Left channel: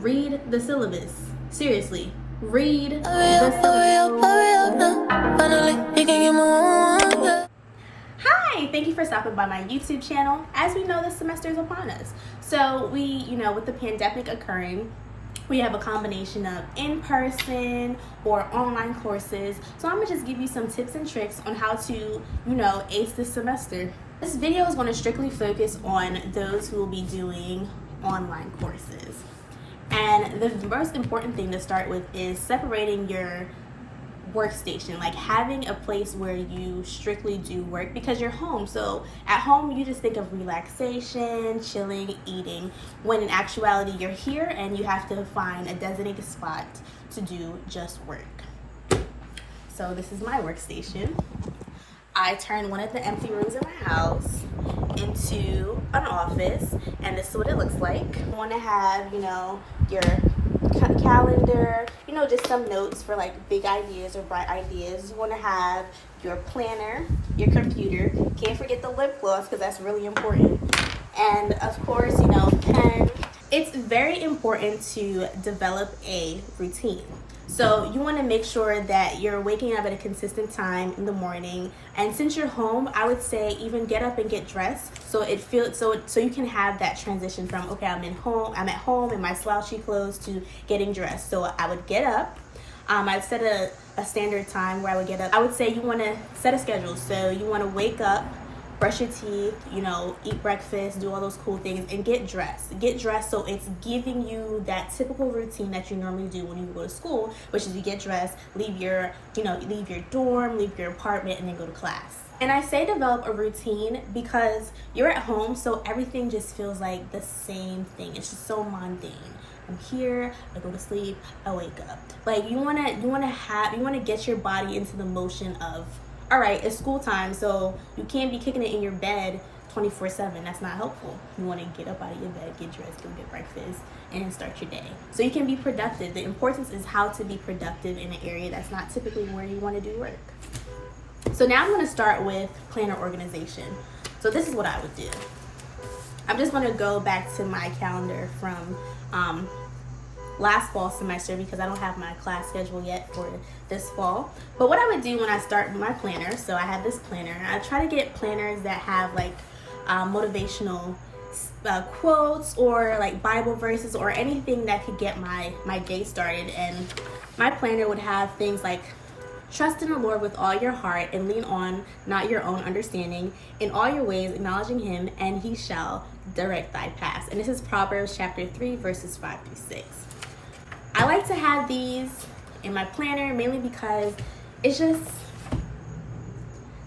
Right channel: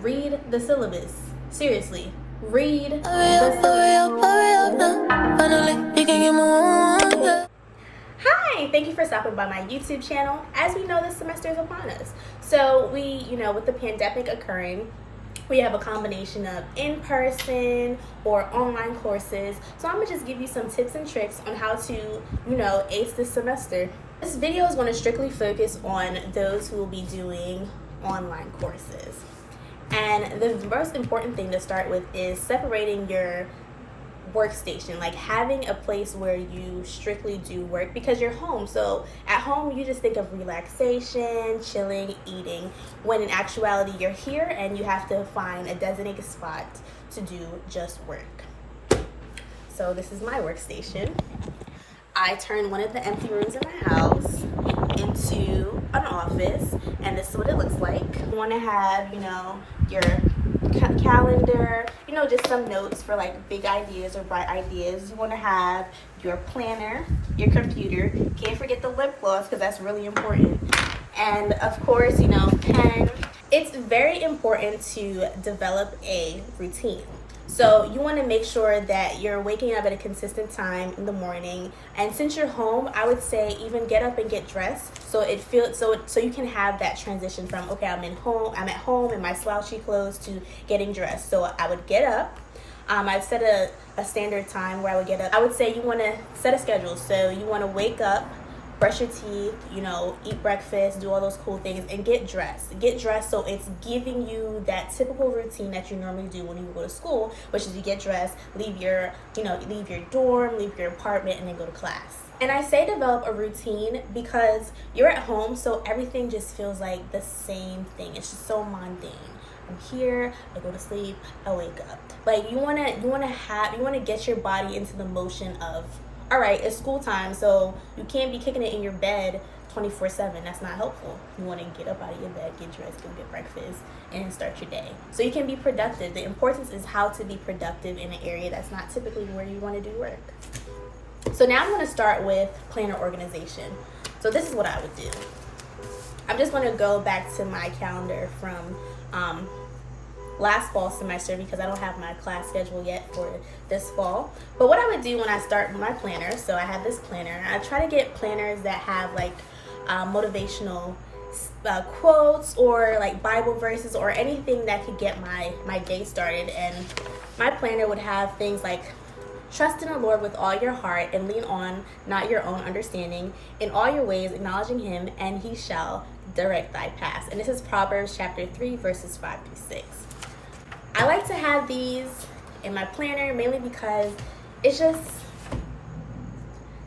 read the syllabus. Seriously, read the syllabus. Hi, thank you for stopping by my YouTube channel. As we know, this semester is upon us. So with the pandemic occurring, we have a combination of in-person or online courses. So I'm gonna just give you some tips and tricks on how to, ace this semester. This video is gonna strictly focus on those who will be doing online courses. And the most important thing to start with is separating your workstation, like having a place where you strictly do work, because you're home. So at home you just think of relaxation, chilling, eating, when in actuality you're here and you have to find a designated spot to do just work. So this is my workstation. I turned one of the empty rooms in my house into an office, and this is what it looks like. You want to have your calendar, just some notes for like big ideas or bright ideas. You want to have your planner, your computer, can't forget the lip gloss because that's really important, and of course pen. It's very important to develop a routine. So you want to make sure that you're waking up at a consistent time in the morning, and since you're home, I would say even get up and get dressed so it feels so you can have that transition from, okay, I'm at home in my slouchy clothes, to getting dressed. So I would get up. I'd set a standard time where I would get up. I would say you want to set a schedule. So you want to wake up, brush your teeth, eat breakfast, do all those cool things, and get dressed. Get dressed so it's giving you that typical routine that you normally do when you go to school, which is you get dressed, leave your dorm, leave your apartment, and then go to class. And I say develop a routine because you're at home, so everything just feels like the same thing. It's just so mundane. I'm here, I go to sleep, I wake up. Like you wanna get your body into the motion of, all right, it's school time, so you can't be kicking it in your bed 24/7. That's not helpful. You want to get up out of your bed, get dressed, go get breakfast, and start your day so you can be productive. The importance is how to be productive in an area that's not typically where you want to do work. So now I'm going to start with planner organization. So this is what I would do. I'm just going to go back to my calendar from last fall semester because I don't have my class schedule yet for this fall. But what I would do when I start my planner, so I have this planner. I try to get planners that have like motivational quotes or like Bible verses or anything that could get my day started. And my planner would have things like, trust in the Lord with all your heart and lean on not your own understanding. In all your ways acknowledging him, and he shall direct thy paths. And this is Proverbs chapter 3 verses 5 through 6. I like to have these in my planner mainly because it's just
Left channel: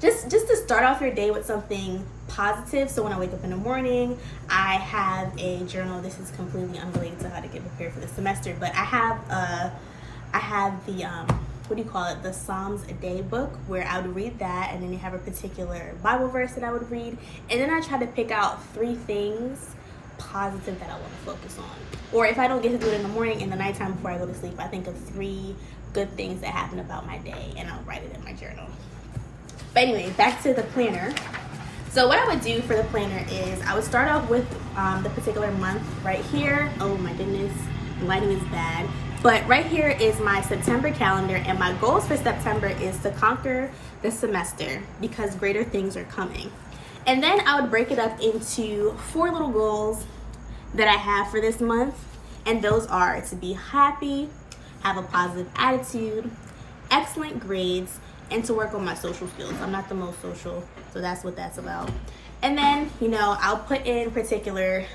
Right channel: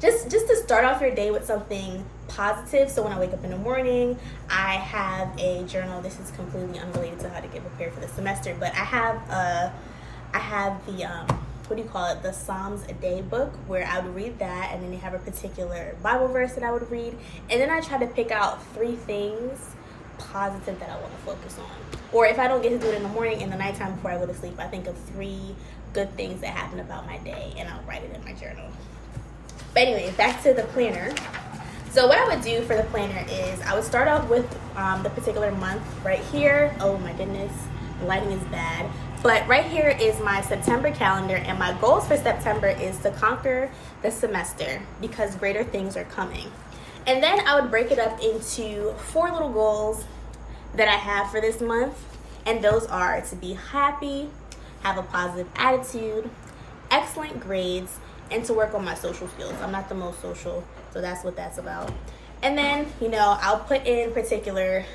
to start off your day with something positive. So when I wake up in the morning, I have a journal. This is completely unrelated to how to get prepared for the semester, but I have the the Psalms a Day book, where I would read that, and then they have a particular Bible verse that I would read, and then I try to pick out 3 things positive that I want to focus on. Or if I don't get to do it in the morning, in the nighttime before I go to sleep, I think of 3 good things that happened about my day, and I'll write it in my journal. But anyway, back to the planner. So what I would do for the planner is I would start off with the particular month right here. Oh my goodness, the lighting is bad. But right here is my September calendar, and my goals for September is to conquer the semester because greater things are coming. And then I would break it up into 4 little goals that I have for this month. And those are to be happy, have a positive attitude, excellent grades, and to work on my social skills. I'm not the most social, so that's what that's about. And then, I'll put in particular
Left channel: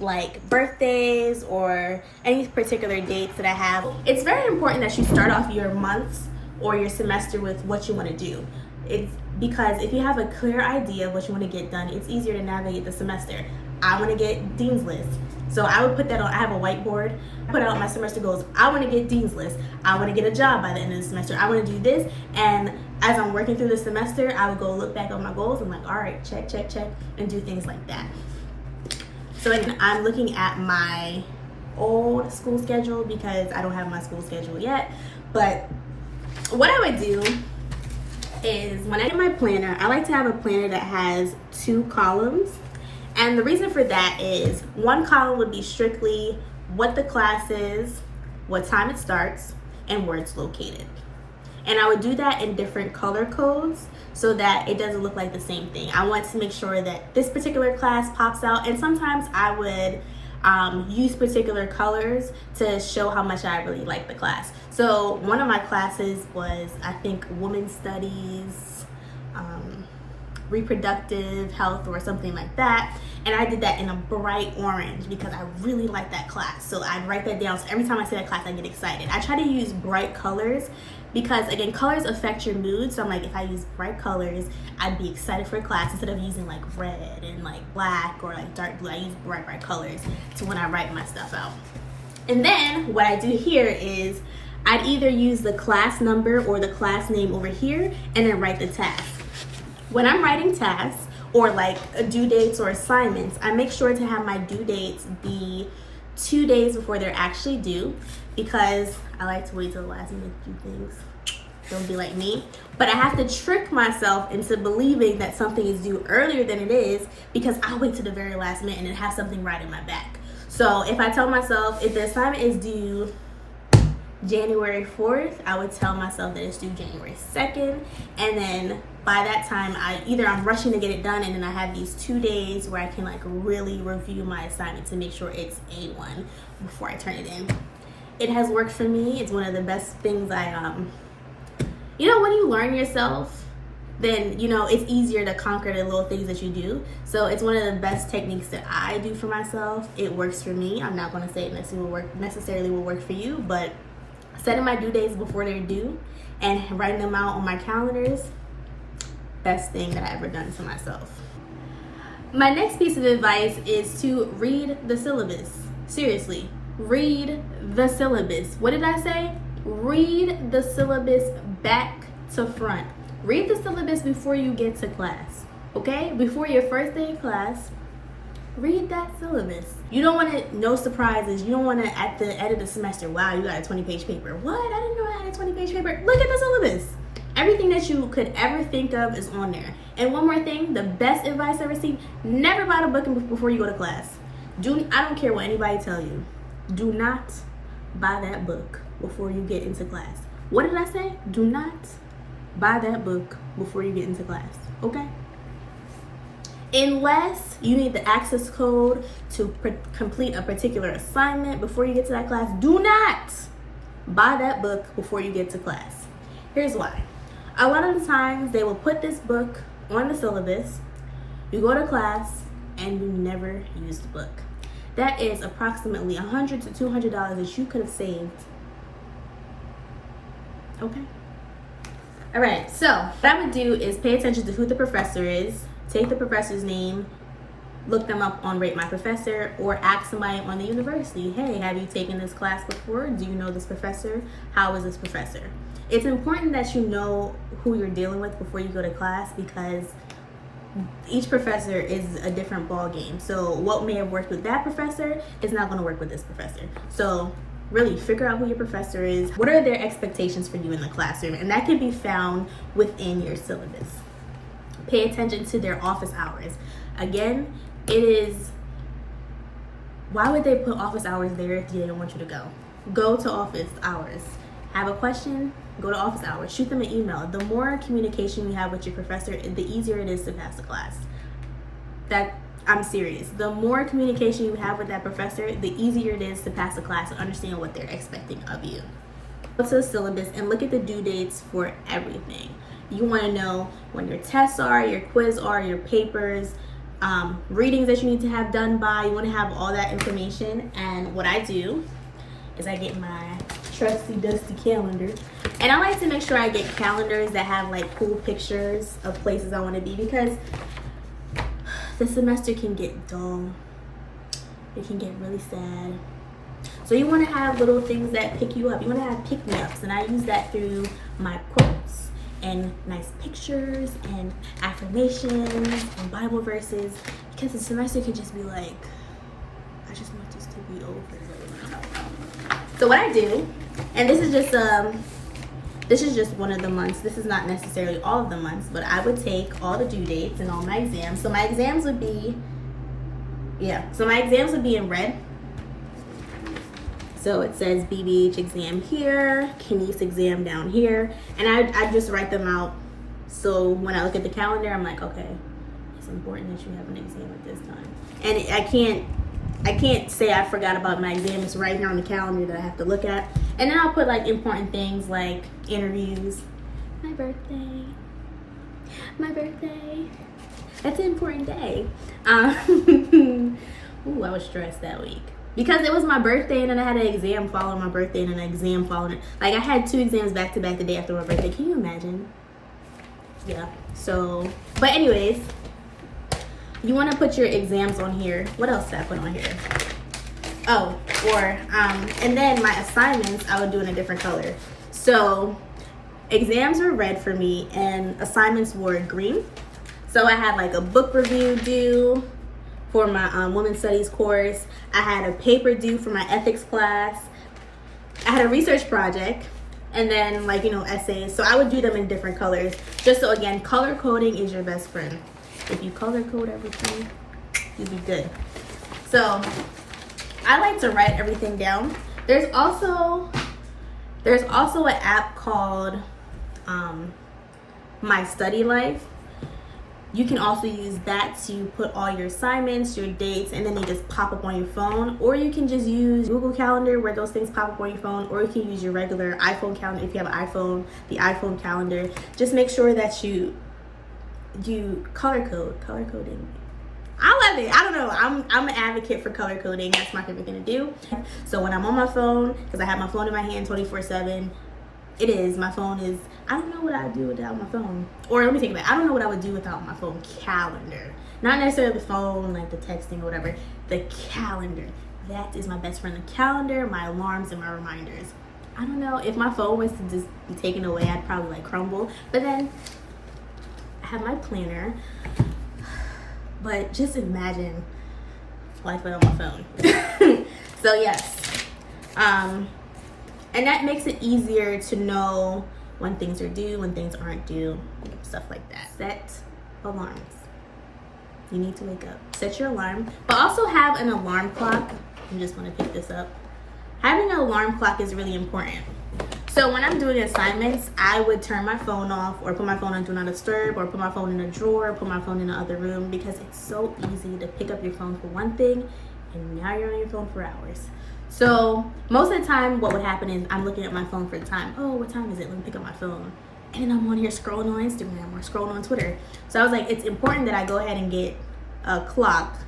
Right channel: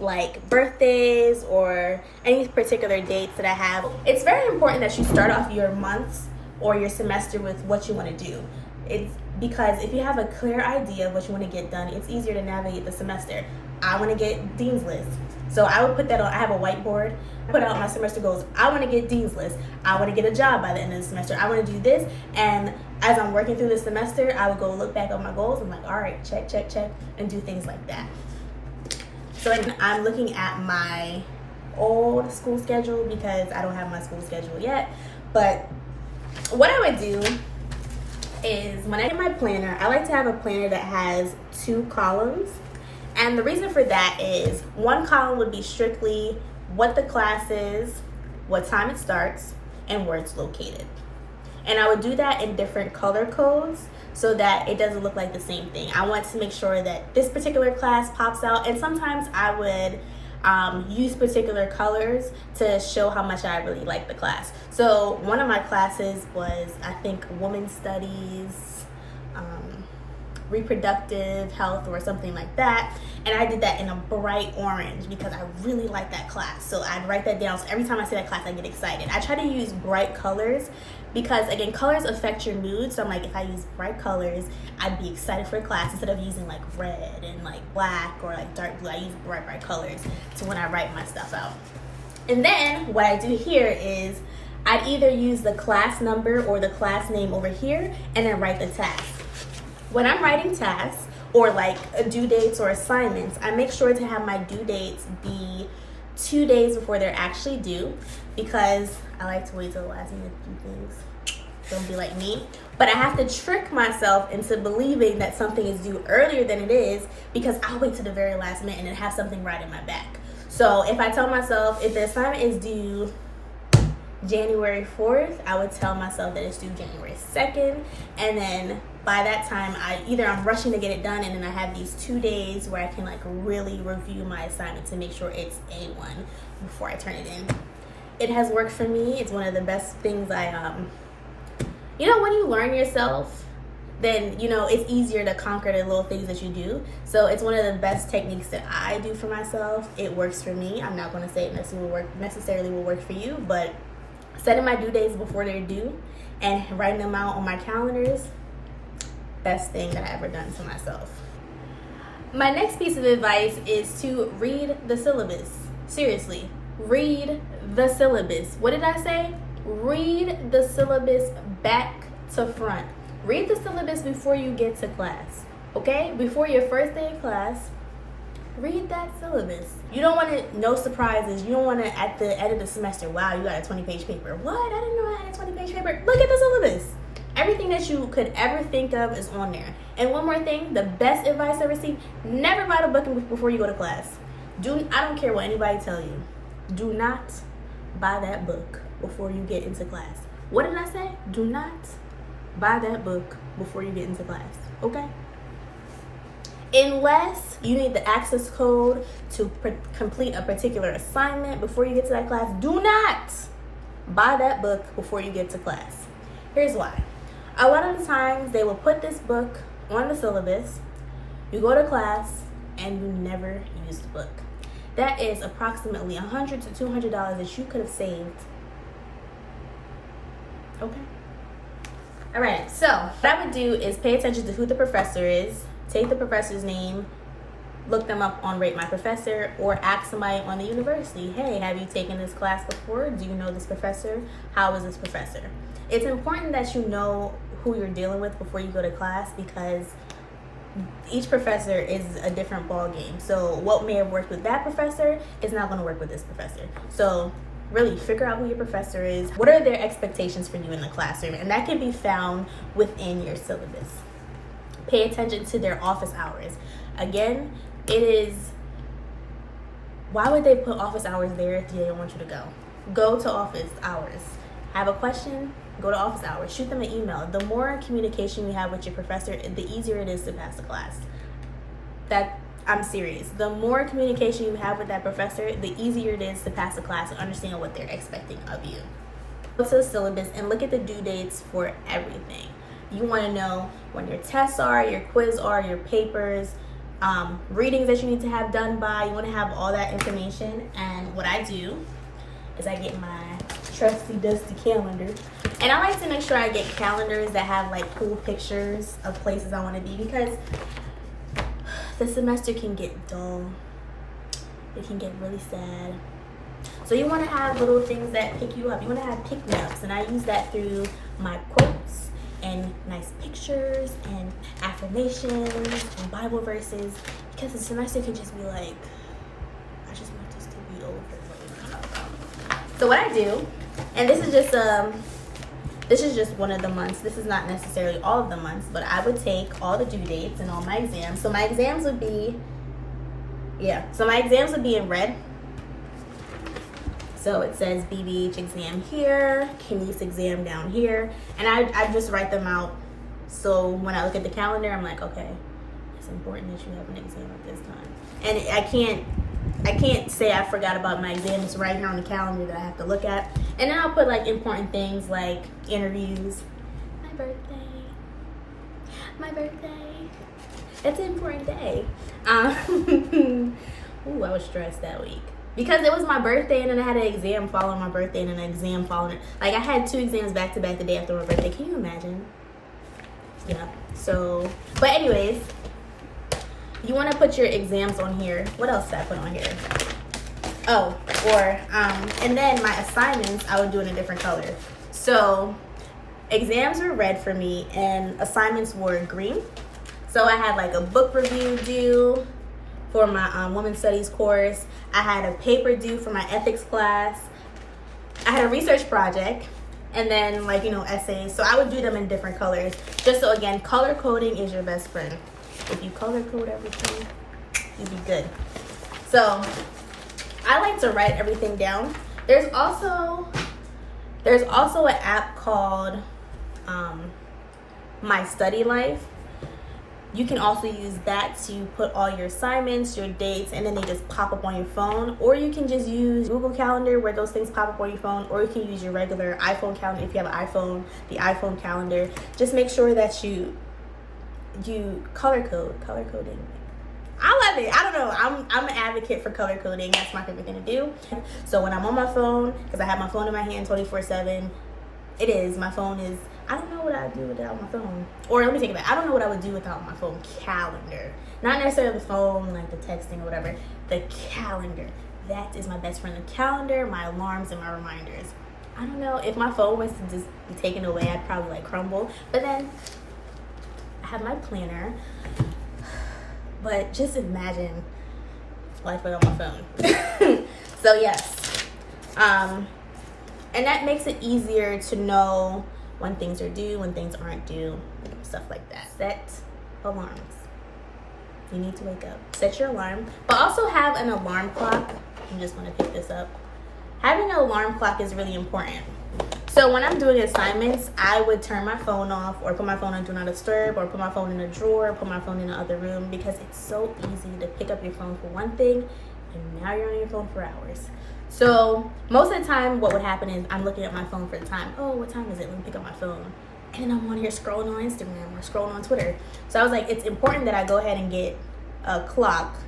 like birthdays or any particular dates that I have. It's very important that you start off your months or your semester with what you want to do. It's because if you have a clear idea of what you want to get done, it's easier to navigate the semester. I want to get Dean's List. So I would put that on, I have a whiteboard, put out my semester goals. I want to get Dean's List. I want to get a job by the end of the semester. I want to do this. And as I'm working through the semester, I would go look back on my goals. I'm like, all right, check, check, check, and do things like that. So I'm looking at my old school schedule because I don't have my school schedule yet. But what I would do is when I get my planner, I like to have a planner that has 2 columns. And the reason for that is one column would be strictly what the class is, what time it starts, and where it's located. And I would do that in different color codes so that it doesn't look like the same thing. I want to make sure that this particular class pops out, and sometimes I would use particular colors to show how much I really like the class. So one of my classes was, I think, Women's Studies, Reproductive Health, or something like that. And I did that in a bright orange because I really like that class. So I'd write that down. So every time I see that class, I get excited. I try to use bright colors because, again, colors affect your mood. So I'm like, if I use bright colors, I'd be excited for a class instead of using like red and like black or like dark blue. I use bright colors to when I write my stuff out. And then what I do here is I'd either use the class number or the class name over here and then write the task. When I'm writing tasks or like due dates or assignments, I make sure to have my due dates be 2 days before they're actually due, because I like to wait till the last minute to do things. Don't be like me. But I have to trick myself into believing that something is due earlier than it is, because I'll wait to the very last minute and then have something right in my back. So if I tell myself if the assignment is due January 4th, I would tell myself that it's due January 2nd, and then by that time I'm rushing to get it done, and then I have these 2 days where I can like really review my assignment to make sure it's A1 before I turn it in. It has worked for me. It's one of the best things when you learn yourself, then it's easier to conquer the little things that you do. So it's one of the best techniques that I do for myself. It works for me. I'm not going to say it necessarily will work for you, but setting my due days before they're due and writing them out on my calendars, best thing that I ever done to myself. My next piece of advice is to read the syllabus. Seriously, read the syllabus. What did I say? Read the syllabus back to front. Read the syllabus before you get to class, okay? Before your first day of class, read that syllabus. You don't want to, no surprises. You don't want to, at the end of the semester, wow, you got a 20-page paper. What? I didn't know I had a 20-page paper. Look at the syllabus. Everything that you could ever think of is on there. And one more thing, the best advice I received, never buy the book before you go to class. I don't care what anybody tell you. Do not buy that book before you get into class. What did I say? Do not buy that book before you get into class, okay? Unless you need the access code to complete a particular assignment before you get to that class, do not buy that book before you get to class. Here's why. A lot of the times they will put this book on the syllabus, you go to class, and you never use the book. That is approximately $100 to $200 that you could have saved. Okay? All right, so what I would do is pay attention to who the professor is, take the professor's name, look them up on Rate My Professor, or ask somebody on the university, hey, have you taken this class before? Do you know this professor? How is this professor? It's important that you know who you're dealing with before you go to class, because each professor is a different ball game. So what may have worked with that professor is not going to work with this professor. So really figure out who your professor is. What are their expectations for you in the classroom? And that can be found within your syllabus. Pay attention to their office hours. Again, why would they put office hours there if they didn't want you to go? Go to office hours. Have a question, go to office hours. Shoot them an email. The more communication you have with your professor, the easier it is to pass the class. I'm serious. The more communication you have with that professor, the easier it is to pass the class and understand what they're expecting of you. Go to the syllabus and look at the due dates for everything. You want to know when your tests are, your quiz are, your papers, readings that you need to have done by. You want to have all that information. And what I do is I get my trusty dusty calendar, and I like to make sure I get calendars that have like cool pictures of places I want to be, because the semester can get dull. It can get really sad. So you want to have little things that pick you up. You want to have pick-me-ups, and I use that through my quotes and nice pictures and affirmations and Bible verses, because the semester can just be like, I just want this to be over. So what I do, and this is just one of the months. This is not necessarily all of the months, but I would take all the due dates and all my exams. So my exams would be in red. So it says BBH exam here, Kines exam down here, and I just write them out. So when I look at the calendar, I'm like, okay, it's important that you have an exam at this time. And I can't say I forgot about my exam. It's right here on the calendar that I have to look at. And then I'll put like important things like interviews. My birthday. That's an important day. Ooh, I was stressed that week. Because it was my birthday and then I had an exam following my birthday and an exam following it. Like I had 2 exams back to back the day after my birthday. Can you imagine? Yeah. So, but anyways, you want to put your exams on here. What else did I put on here? Oh, and then my assignments, I would do in a different color. So exams were red for me and assignments were green. So I had like a book review due for my women's studies course. I had a paper due for my ethics class. I had a research project, and then like, essays. So I would do them in different colors. Just so again, color coding is your best friend. If you color code everything, you'll be good. So I like to write everything down. There's also an app called My Study Life. You can also use that to put all your assignments, your dates, and then they just pop up on your phone. Or you can just use Google Calendar where those things pop up on your phone. Or you can use your regular iPhone calendar if you have an iPhone, the iPhone calendar. Just make sure that you color coding. I love it. I don't know. I'm an advocate for color coding. That's my favorite thing to do. So when I'm on my phone, because I have my phone in my hand 24/7, my phone is, I don't know what I'd do without my phone. Or let me think about it. I don't know what I would do without my phone calendar. Not necessarily the phone, like the texting or whatever. The calendar. That is my best friend. The calendar, my alarms, and my reminders. I don't know. If my phone was to just be taken away, I'd probably like crumble. But then I have my planner. But just imagine life without my phone. So yes. And that makes it easier to know when things are due, when things aren't due, stuff like that. Set alarms. You need to wake up. Set your alarm, but also have an alarm clock. I just want to pick this up. Having an alarm clock is really important. So when I'm doing assignments, I would turn my phone off or put my phone on Do Not Disturb or put my phone in a drawer, put my phone in the other room, because it's so easy to pick up your phone for one thing and now you're on your phone for hours. So most of the time what would happen is I'm looking at my phone for the time. Oh, what time is it? Let me pick up my phone. And then I'm on here scrolling on Instagram or scrolling on Twitter. So I was like, it's important that I go ahead and get a clock.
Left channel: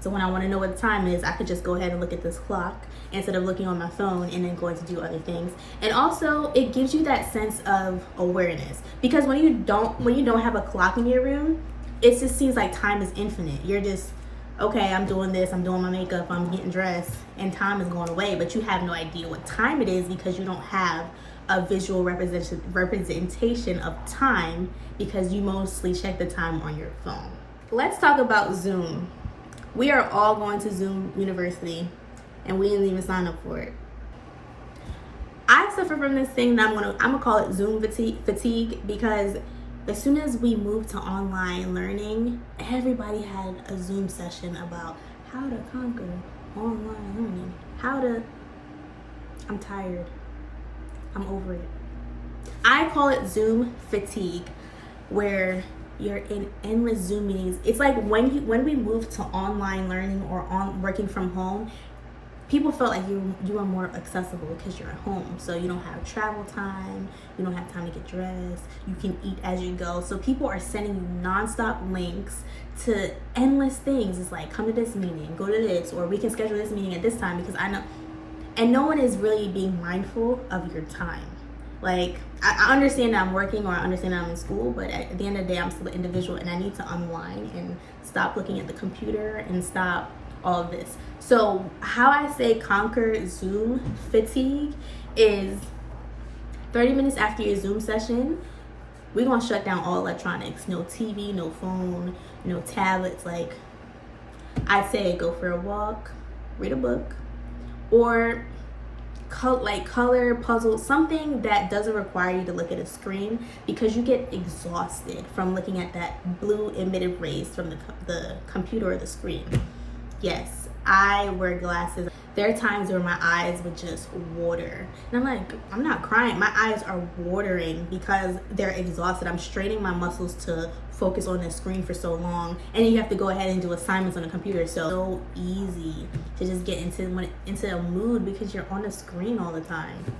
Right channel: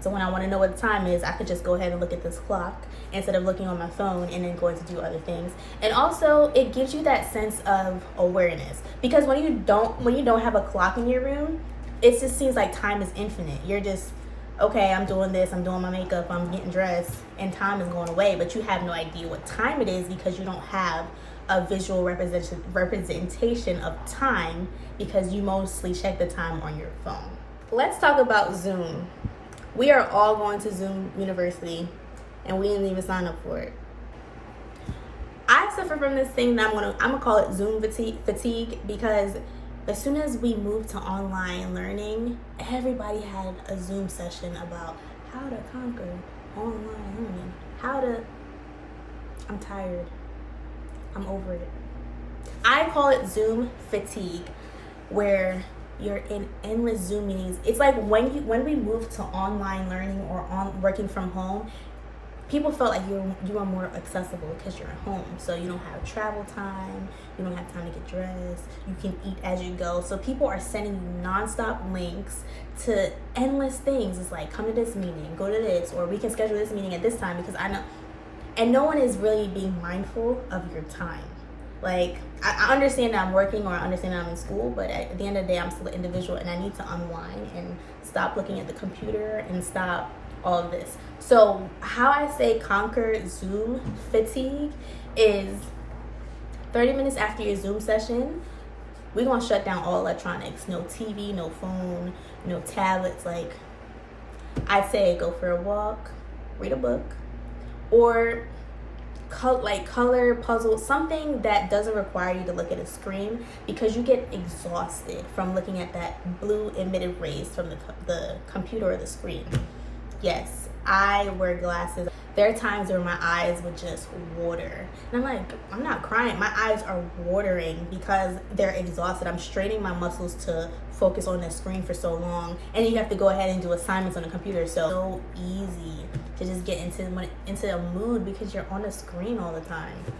So when I want to know what the time is, I could just go ahead and look at this clock instead of looking on my phone and then going to do other things. And also it gives you that sense of awareness, because when you don't have a clock in your room, it just seems like time is infinite. You're just, okay, I'm doing this, I'm doing my makeup, I'm getting dressed, and time is going away, but you have no idea what time it is because you don't have a visual representation of time, because you mostly check the time on your phone. Let's talk about Zoom. We are all going to Zoom University, and we didn't even sign up for it. I suffer from this thing that I'm gonna call it Zoom fatigue, because as soon as we moved to online learning, everybody had a Zoom session about how to conquer online learning. I'm tired. I'm over it. I call it Zoom fatigue, where you're in endless Zoom meetings. It's like when we moved to online learning or on working from home, people felt like you are more accessible because you're at home. So you don't have travel time, you don't have time to get dressed, you can eat as you go. So people are sending you nonstop links to endless things. It's like, come to this meeting, go to this, or we can schedule this meeting at this time, because I know. And no one is really being mindful of your time. Like, I understand that I'm working, or I understand that I'm in school, but at the end of the day, I'm still an individual, and I need to unwind and stop looking at the computer and stop all of this. So how I say conquer Zoom fatigue is 30 minutes after your Zoom session, we're gonna shut down all electronics. No TV, no phone, no tablets. Like, I say go for a walk, read a book, or color puzzle, something that doesn't require you to look at a screen, because you get exhausted from looking at that blue emitted rays from the computer or the screen. Yes, I wear glasses. there are times where my eyes would just water. And I'm like, I'm not crying. My eyes are watering because they're exhausted. I'm straining my muscles to focus on the screen for so long. And you have to go ahead and do assignments on the computer. So easy to just get into a mood because you're on the screen all the time.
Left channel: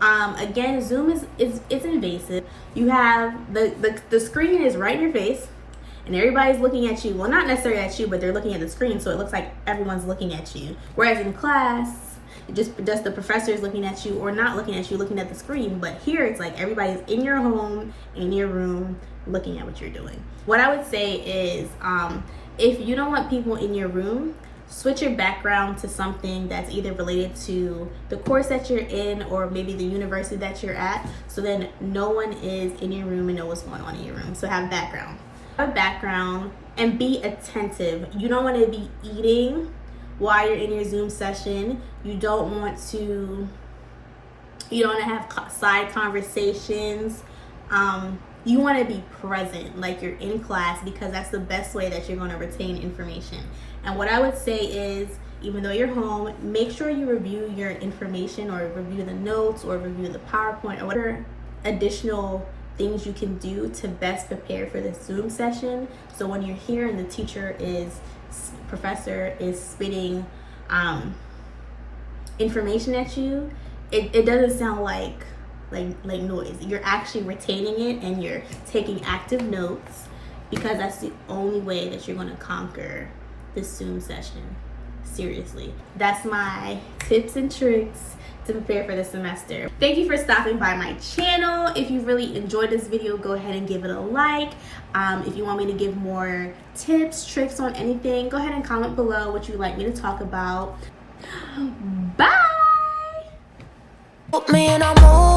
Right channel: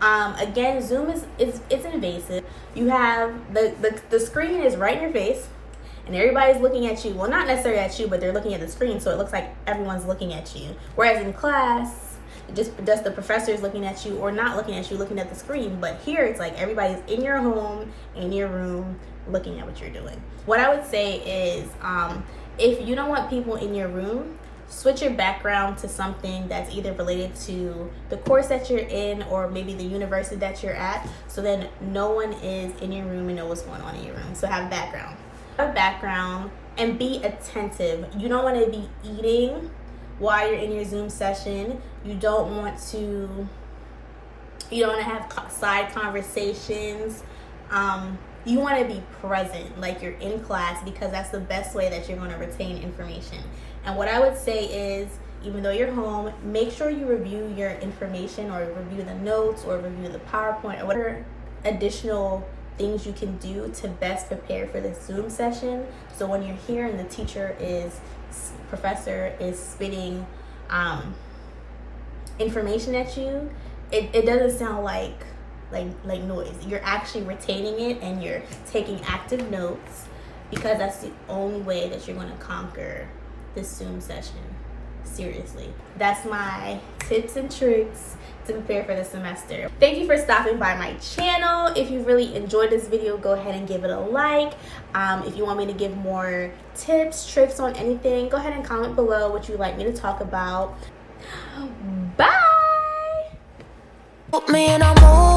Again, Zoom it's invasive. You have the screen is right in your face. And everybody's looking at you. Well, not necessarily at you, but they're looking at the screen, so it looks like everyone's looking at you. Whereas in class, just the professor is looking at you or not looking at you, looking at the screen. But here, it's like everybody's in your home, in your room, looking at what you're doing. What I would say is, if you don't want people in your room, switch your background to something that's either related to the course that you're in or maybe the university that you're at, so then no one is in your room and know what's going on in your room. So have background and be attentive. You don't want to be eating while you're in your Zoom session. You don't want to have side conversations. You want to be present, like you're in class, because that's the best way that you're going to retain information. And what I would say is, even though you're home, make sure you review your information or review the notes or review the PowerPoint or whatever additional things you can do to best prepare for this Zoom session. So when you're here and the professor is spitting information at you, it doesn't sound like noise. You're actually retaining it and you're taking active notes, because that's the only way that you're going to conquer this Zoom session. Seriously, that's my tips and tricks to prepare for the semester. Thank you for stopping by my channel. If you really enjoyed this video, go ahead and give it a like. If you want me to give more tips, tricks on anything, go ahead and comment below what you'd like me to talk about. Bye! Put me in a mood.